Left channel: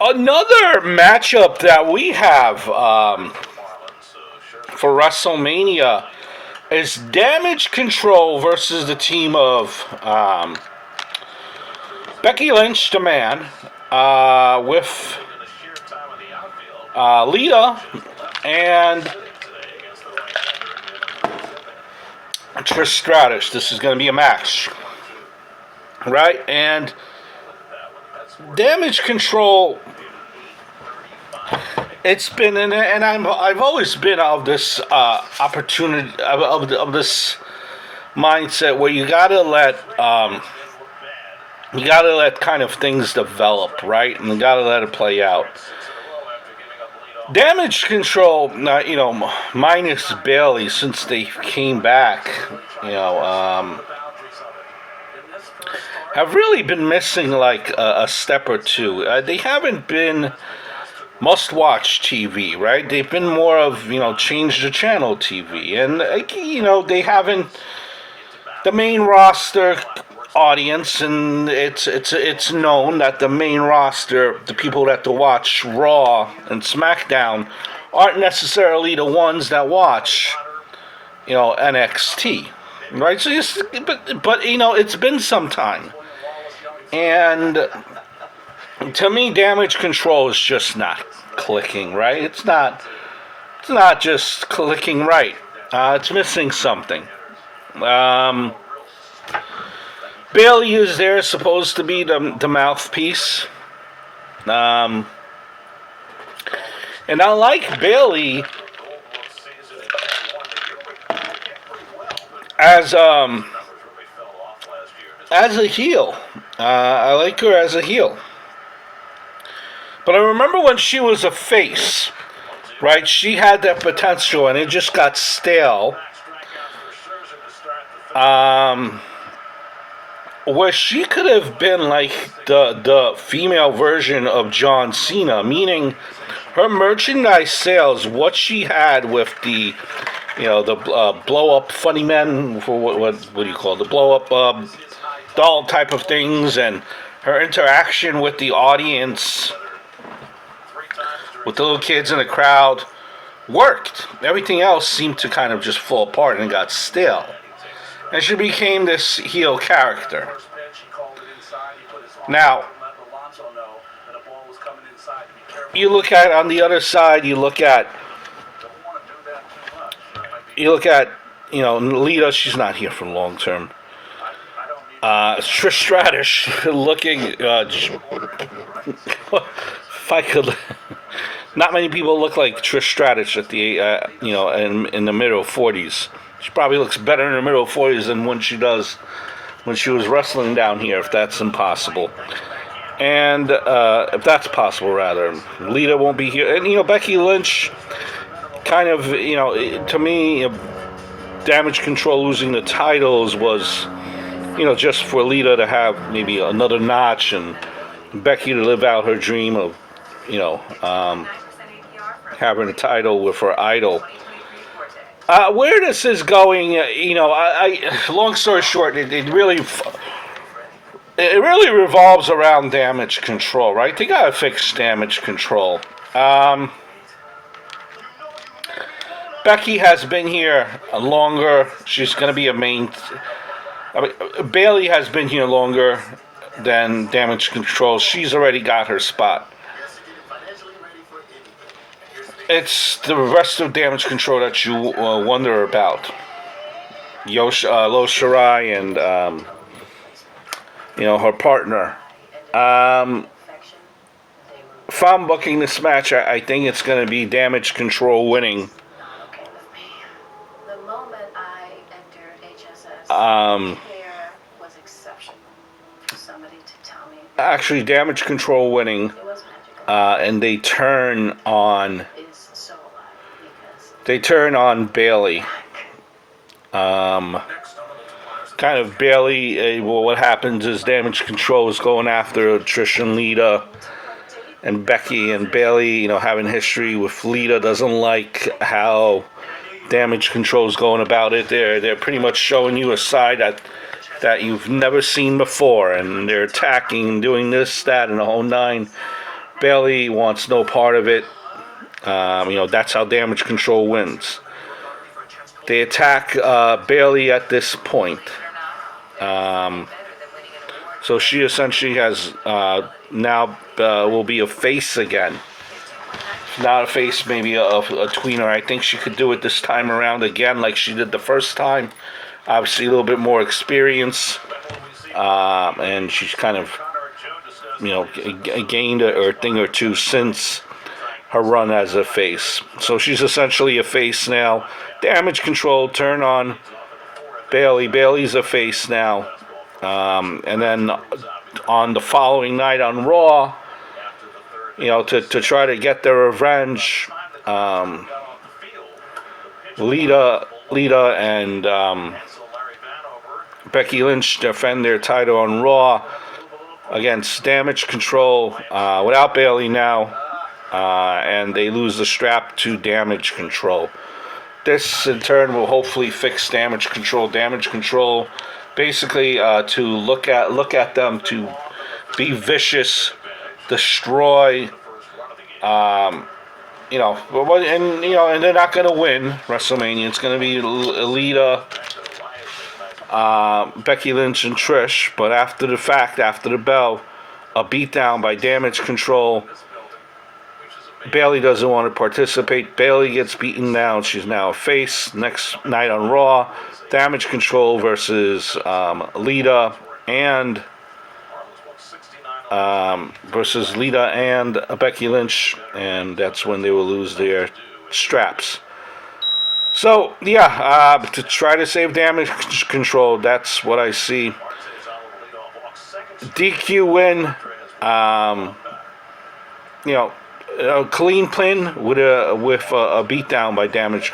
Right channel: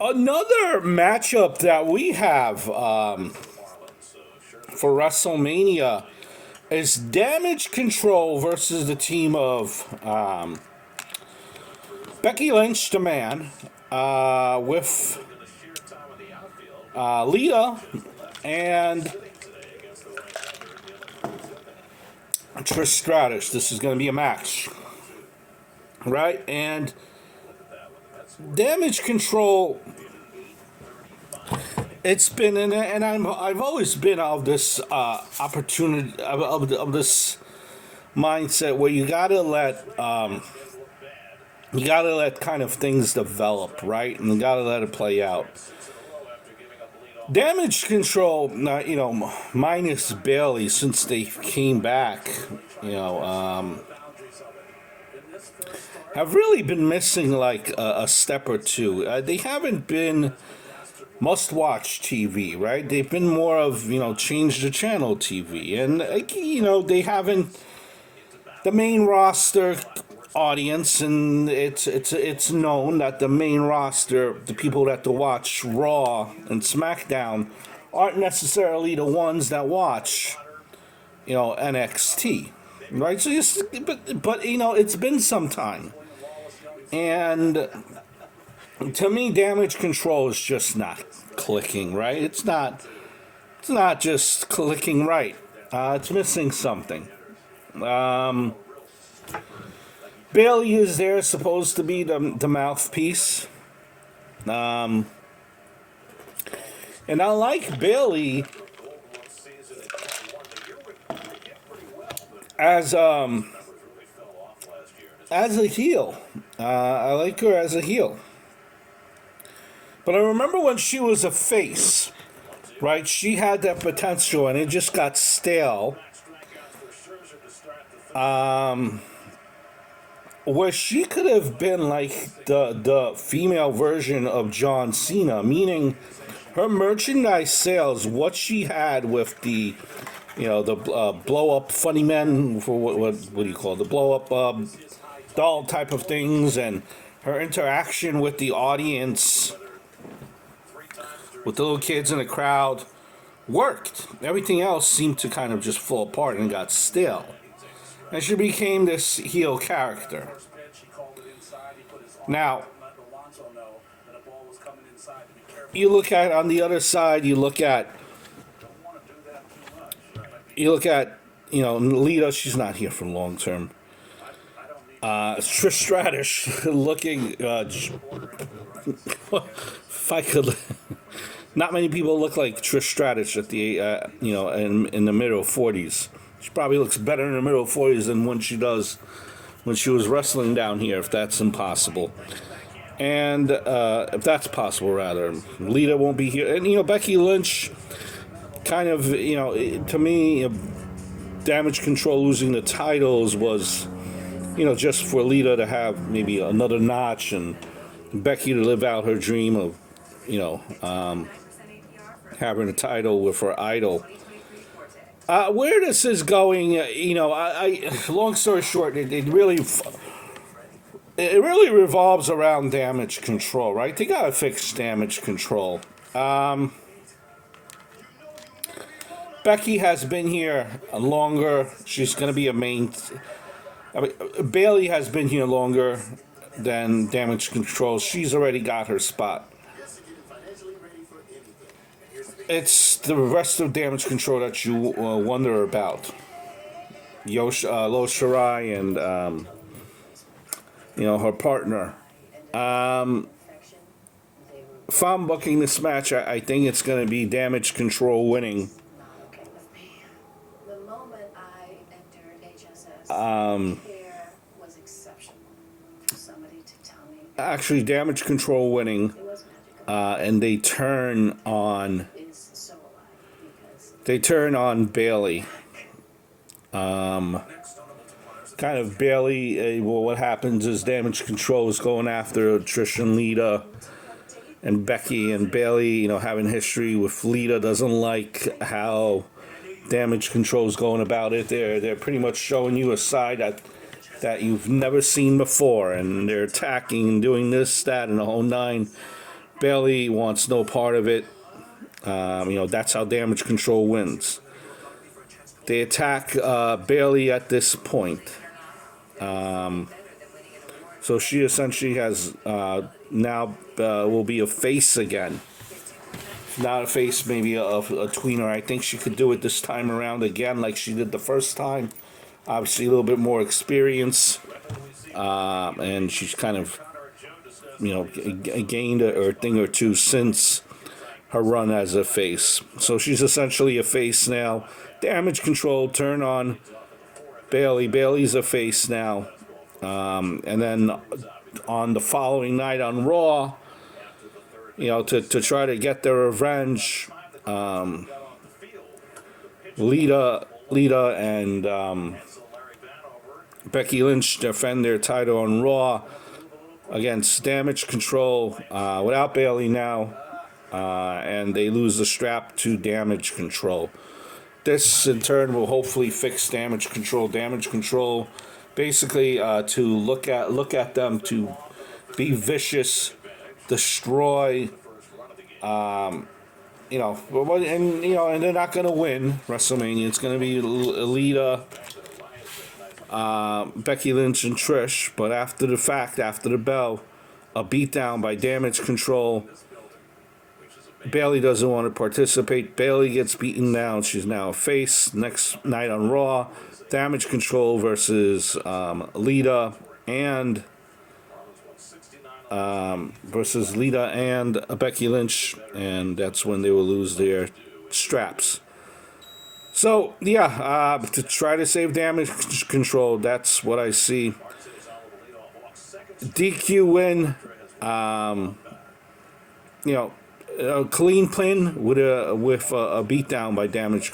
Another matchup that we have for WrestleMania is Damage Control versus the team of Becky Lynch, the man, with Lita and Trish Stratus. This is going to be a match, right? And Damage Control. It's been, and I've always been of this opportunity of this mindset where you gotta let kind of things develop, right? And you gotta let it play out. Damage Control, minus Bailey since they came back, have really been missing like a step or two. They haven't been must-watch TV, right? They've been more of, change the channel TV. And, they haven't, the main roster audience, and it's known that the main roster, the people that to watch Raw and SmackDown, aren't necessarily the ones that watch, NXT, right? So, but it's been some time. And to me, Damage Control is just not clicking, right? It's not just clicking right. It's missing something. Bailey is there, supposed to be the mouthpiece. And I like Bailey as a heel. I like her as a heel. But I remember when she was a face, right? She had that potential, and it just got stale. Where she could have been like the female version of John Cena, meaning her merchandise sales, what she had with the, the blow up funny men, for what do you call it? The blow up doll type of things, and her interaction with the audience, with the little kids in the crowd, worked. Everything else seemed to kind of just fall apart and got stale. And she became this heel character. Now, you look at, on the other side, you look at, Lita, she's not here for long term. Trish Stratus looking, if I could, not many people look like Trish Stratus at the, in the middle 40s. She probably looks better in the middle 40s than when she does when she was wrestling down here, if that's impossible. And if that's possible, rather. Lita won't be here. And, Becky Lynch, kind of, to me, Damage Control losing the titles was, just for Lita to have maybe another notch and Becky to live out her dream of, having a title with her idol. Where this is going, long story short, it really revolves around Damage Control, right? They gotta fix Damage Control. Becky has been here longer. She's gonna be a main. Bailey has been here longer than Damage Control. She's already got her spot. It's the rest of Damage Control that you wonder about. Lo Shirai and, her partner. If I'm booking this match, I think it's going to be Damage Control winning. The moment I entered HSS, was exceptional for somebody to tell me. Actually, Damage Control winning, and they turn on Bailey. Kind of Bailey, what happens is Damage Control is going after Trish and Lita and Becky, and Bailey, having history with Lita, doesn't like how Damage Control is going about it. They're pretty much showing you a side that you've never seen before, and they're attacking and doing this, that, and the whole nine. Bayley wants no part of it. That's how Damage Control wins. They attack Bayley at this point. So she essentially has now will be a face again. Not a face, maybe a tweener. I think she could do it this time around again like she did the first time. Obviously a little bit more experience. And she's kind of, gained a thing or two since her run as a face. So she's essentially a face now. Damage Control, turn on Bayley. Bayley's a face now. And then on the following night on Raw, to try to get their revenge, Lita and Becky Lynch defend their title on Raw against Damage Control without Bayley now, and they lose the strap to Damage Control. This in turn will hopefully fix Damage Control. Damage Control, basically, to look at them to be vicious, destroy, and they're not going to win WrestleMania. It's going to be Lita, Becky Lynch, and Trish. But after the fact, after the bell, a beatdown by Damage Control. Bayley doesn't want to participate. Bayley gets beaten down. She's now a face. Next night on Raw, Damage Control versus Lita and Becky Lynch, and that's when they will lose their straps. So to try to save Damage Control, that's what I see. DQ win. A clean pin with a beatdown by Damage